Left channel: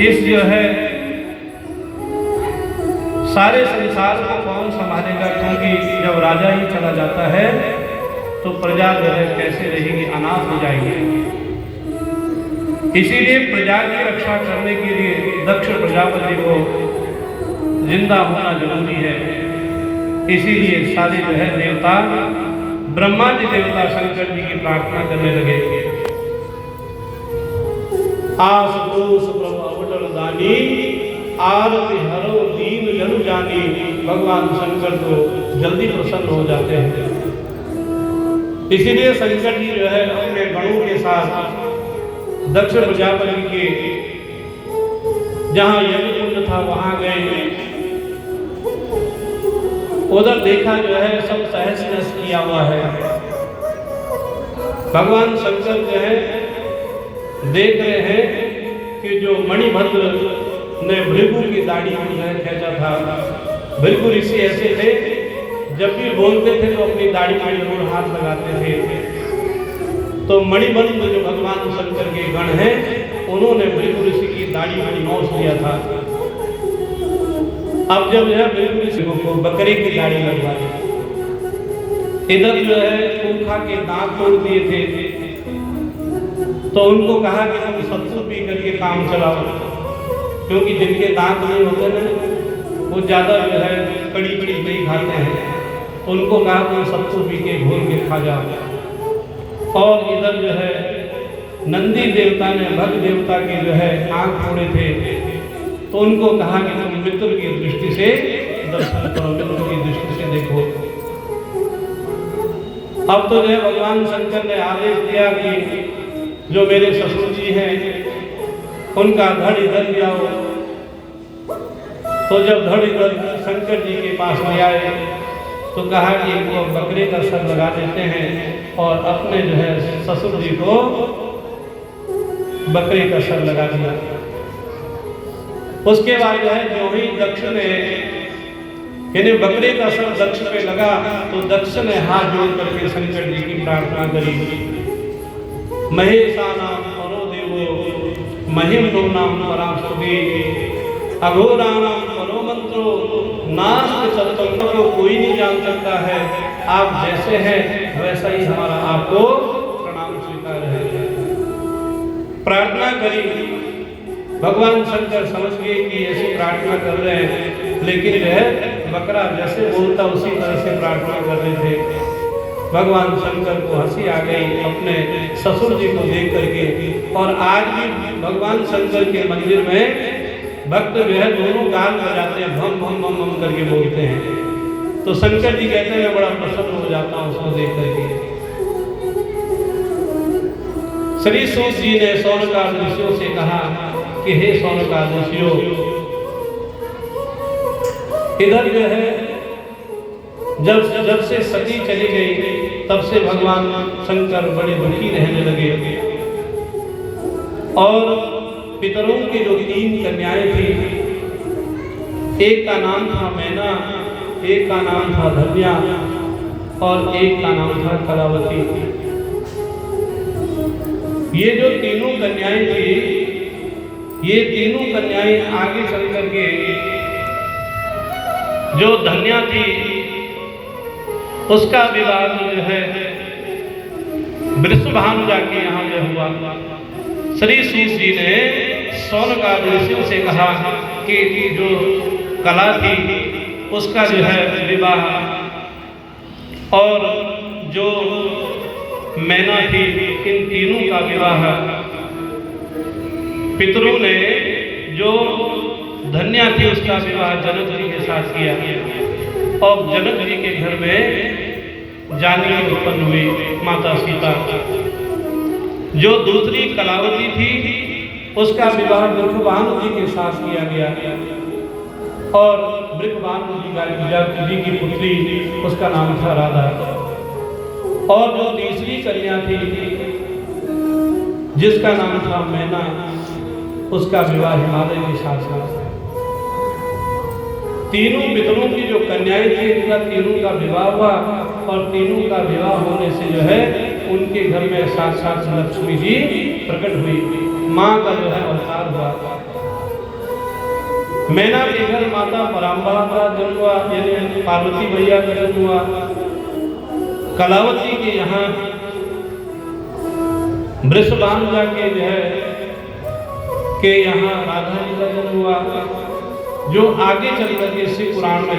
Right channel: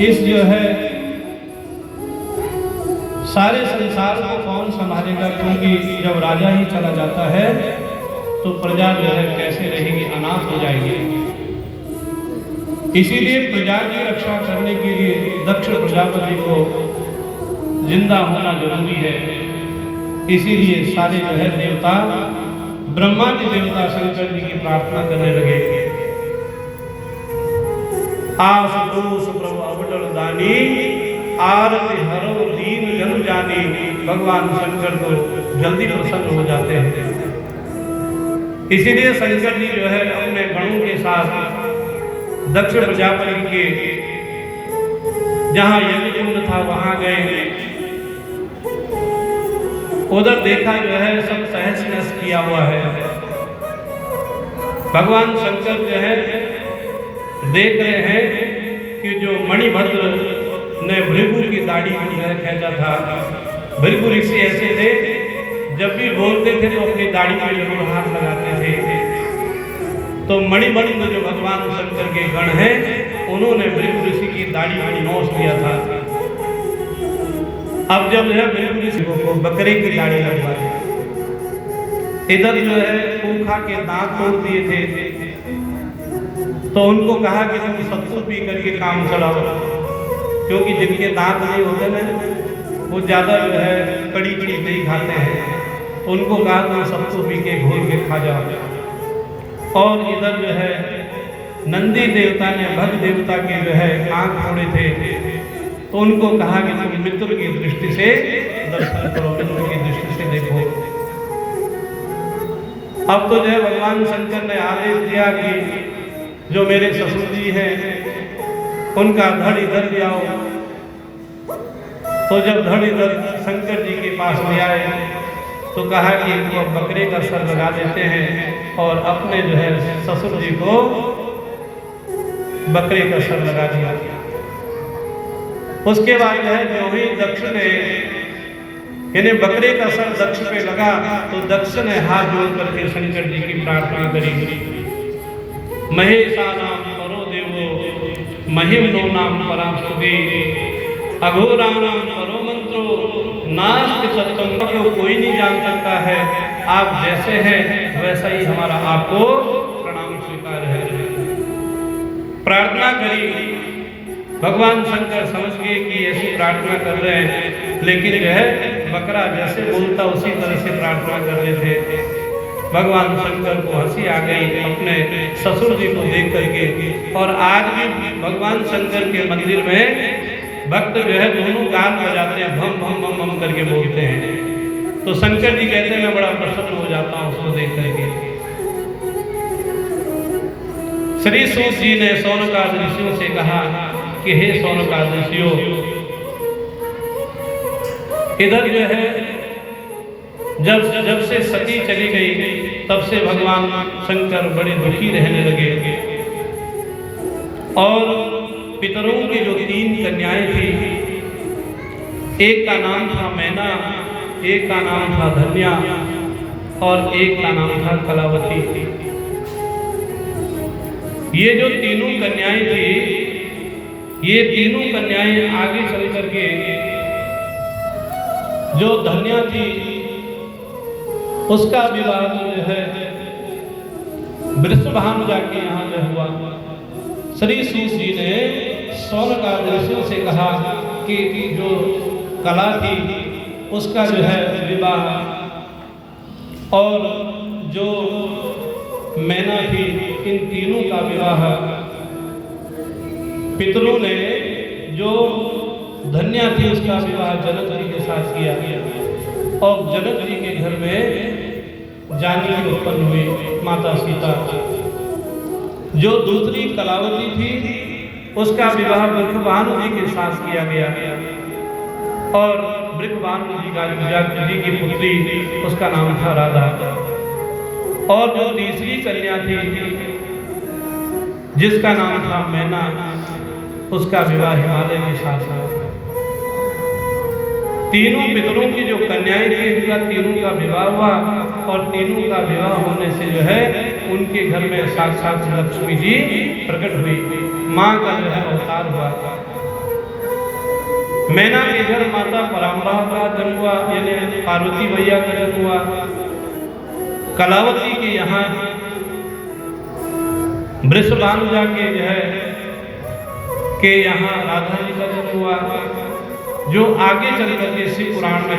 इस जो है सारे संसार को कौन संभालेगा, क्योंकि जब राजा ही चला जाता है तो प्रजा जो है कैसे रहेगी, अनाथ हो जाएगी। इसीलिए प्रजा की रक्षा करने के लिए दक्ष प्रजापति को जिंदा होना जरूरी है। इसीलिए सारे जो है देवता, ब्रह्मा जी देवता शंकर जी की प्रार्थना करने लगे। आस दोष प्रभु अवटल दानी, आरति हरो दीन जन जानी। भगवान शंकर को जल्दी प्रसन्न हो जाते हैं। इसीलिए शंकर जी जो है अपने गणों के साथ दक्ष प्रजापति के जहां यज्ञ कुंड था वहां गए। उधर देखा जो है सब सहस किया हुआ है। भगवान शंकर जो है देख रहे हैं कि जो मणिभद्र ने भृगु की दाढ़ी को जो है खींचा था। भृगु ऋषि ऐसे थे, जब भी बोलते थे तो अपनी दाढ़ी पर जरूर हाथ लगाते थे। तो मणिभद्र जो भगवान शंकर के गण हैं, उन्होंने भृगु ऋषि की दाढ़ी को नोच लिया था। अब जब जो है भृगु ऋषि को बकरे की दाढ़ी लगवा दी। इधर जो है खूंखा के दांत तोड़ दिए थे, तो उनको कहा कि तुम सत्तू पी करके काम चलाओ, क्योंकि जिनके दांत नहीं होते ना वो ज़्यादा जो है कड़ी चीज नहीं खाते हैं। उनको कहा तुम सत्तू पी के घोल के खा जाओ। और इधर जो है नंदी देवता ने भग देवता के जो है आंख फोड़े थे, तो उनको कहा कि तुम मित्र की दृष्टि से दर्शन करो, मित्र की दृष्टि से देखो। अब तो जो है भगवान शंकर ने आदेश दिया कि जो मेरे ससुर जी हैं उनका धड़ इधर ले आओ। तो जब धड़ इधर शंकर जी के पास में आए तो कहा कि इनको बकरे का सर लगा देते हैं और अपने जो है ससुर जी को बकरे का सर लगा दिया। उसके बाद जो है जो भी दक्ष ने यानी बकरे का सर दक्ष पे लगा, तो दक्ष ने हाथ जोड़ करके शंकर जी की प्रार्थना करी। महेशा नाम परो देवो महिम नो नाम परास्तुते, अघोरा नाम परो मंत्रो नास्ति सत्संग को कोई नहीं जान सकता है। आप जैसे हैं वैसा ही हमारा आपको प्रणाम स्वीकार है। प्रार्थना करी। भगवान शंकर समझ गए कि ऐसी प्रार्थना कर रहे हैं, लेकिन यह बकरा जैसे बोलता उसी तरह से प्रार्थना कर रहे थे। भगवान शंकर को हंसी आ गई अपने ससुर जी को देख करके। और आज भी भगवान शंकर के मंदिर में भक्त जो है दोनों गान बजाते हैं, भम भम भम भम करके बोलते हैं। तो शंकर जी कहते हैं मैं बड़ा प्रसन्न हो जाता हूँ उसको देख करके। श्री सूत जी ने सौनकाद ऋषियों से कहा कि हे सौनकाद ऋषियों, इधर जो है जब से सती चली गई तब से भगवान शंकर बड़े दुखी रहने लगे। और पितरों की जो 3 कन्याएं थी, एक का नाम था मैना, एक का नाम था धन्या और एक का नाम था कलावती। ये जो तीनों कन्याएं थी, ये तीनों कन्याएं आगे चल करके जो धन्या थी उसका विवाह जो है वृषभानुजा के यहाँ जो हुआ। श्री सूत जी ने सौनकाद ऋषियों से कहा कि जो कला थी उसका जो है विवाह, और जो मैना थी इन तीनों का विवाह पितरों ने जो धन्या थी उसका विवाह जनक जी के साथ किया। और जनक जी के घर में जानकी उत्पन्न हुई, माता सीता। जो दूसरी कलावती थी उसका विवाह वृषभानु जी के साथ किया गया। और वृषभानु जी की पुत्री उसका नाम था राधा। और जो तीसरी कन्या थी जिसका नाम था मैना, उसका विवाह हिमालय के साथ हुआ। तीनों पितरों की जो कन्याएं थी उनका तीनों का विवाह हुआ। और तीनों का विवाह होने से जो है उनके घर में साक्षात लक्ष्मी जी प्रकट हुई, माँ का जो है अवतार हुआ। मैना के घर माता पराम्बा का जन्म हुआ, यानी पार्वती मैया का जन्म हुआ। कलावती के यहाँ वृषभानुजा के जो है के यहाँ राधा जी का जन्म हुआ, जो आगे चल करके शिव पुराण में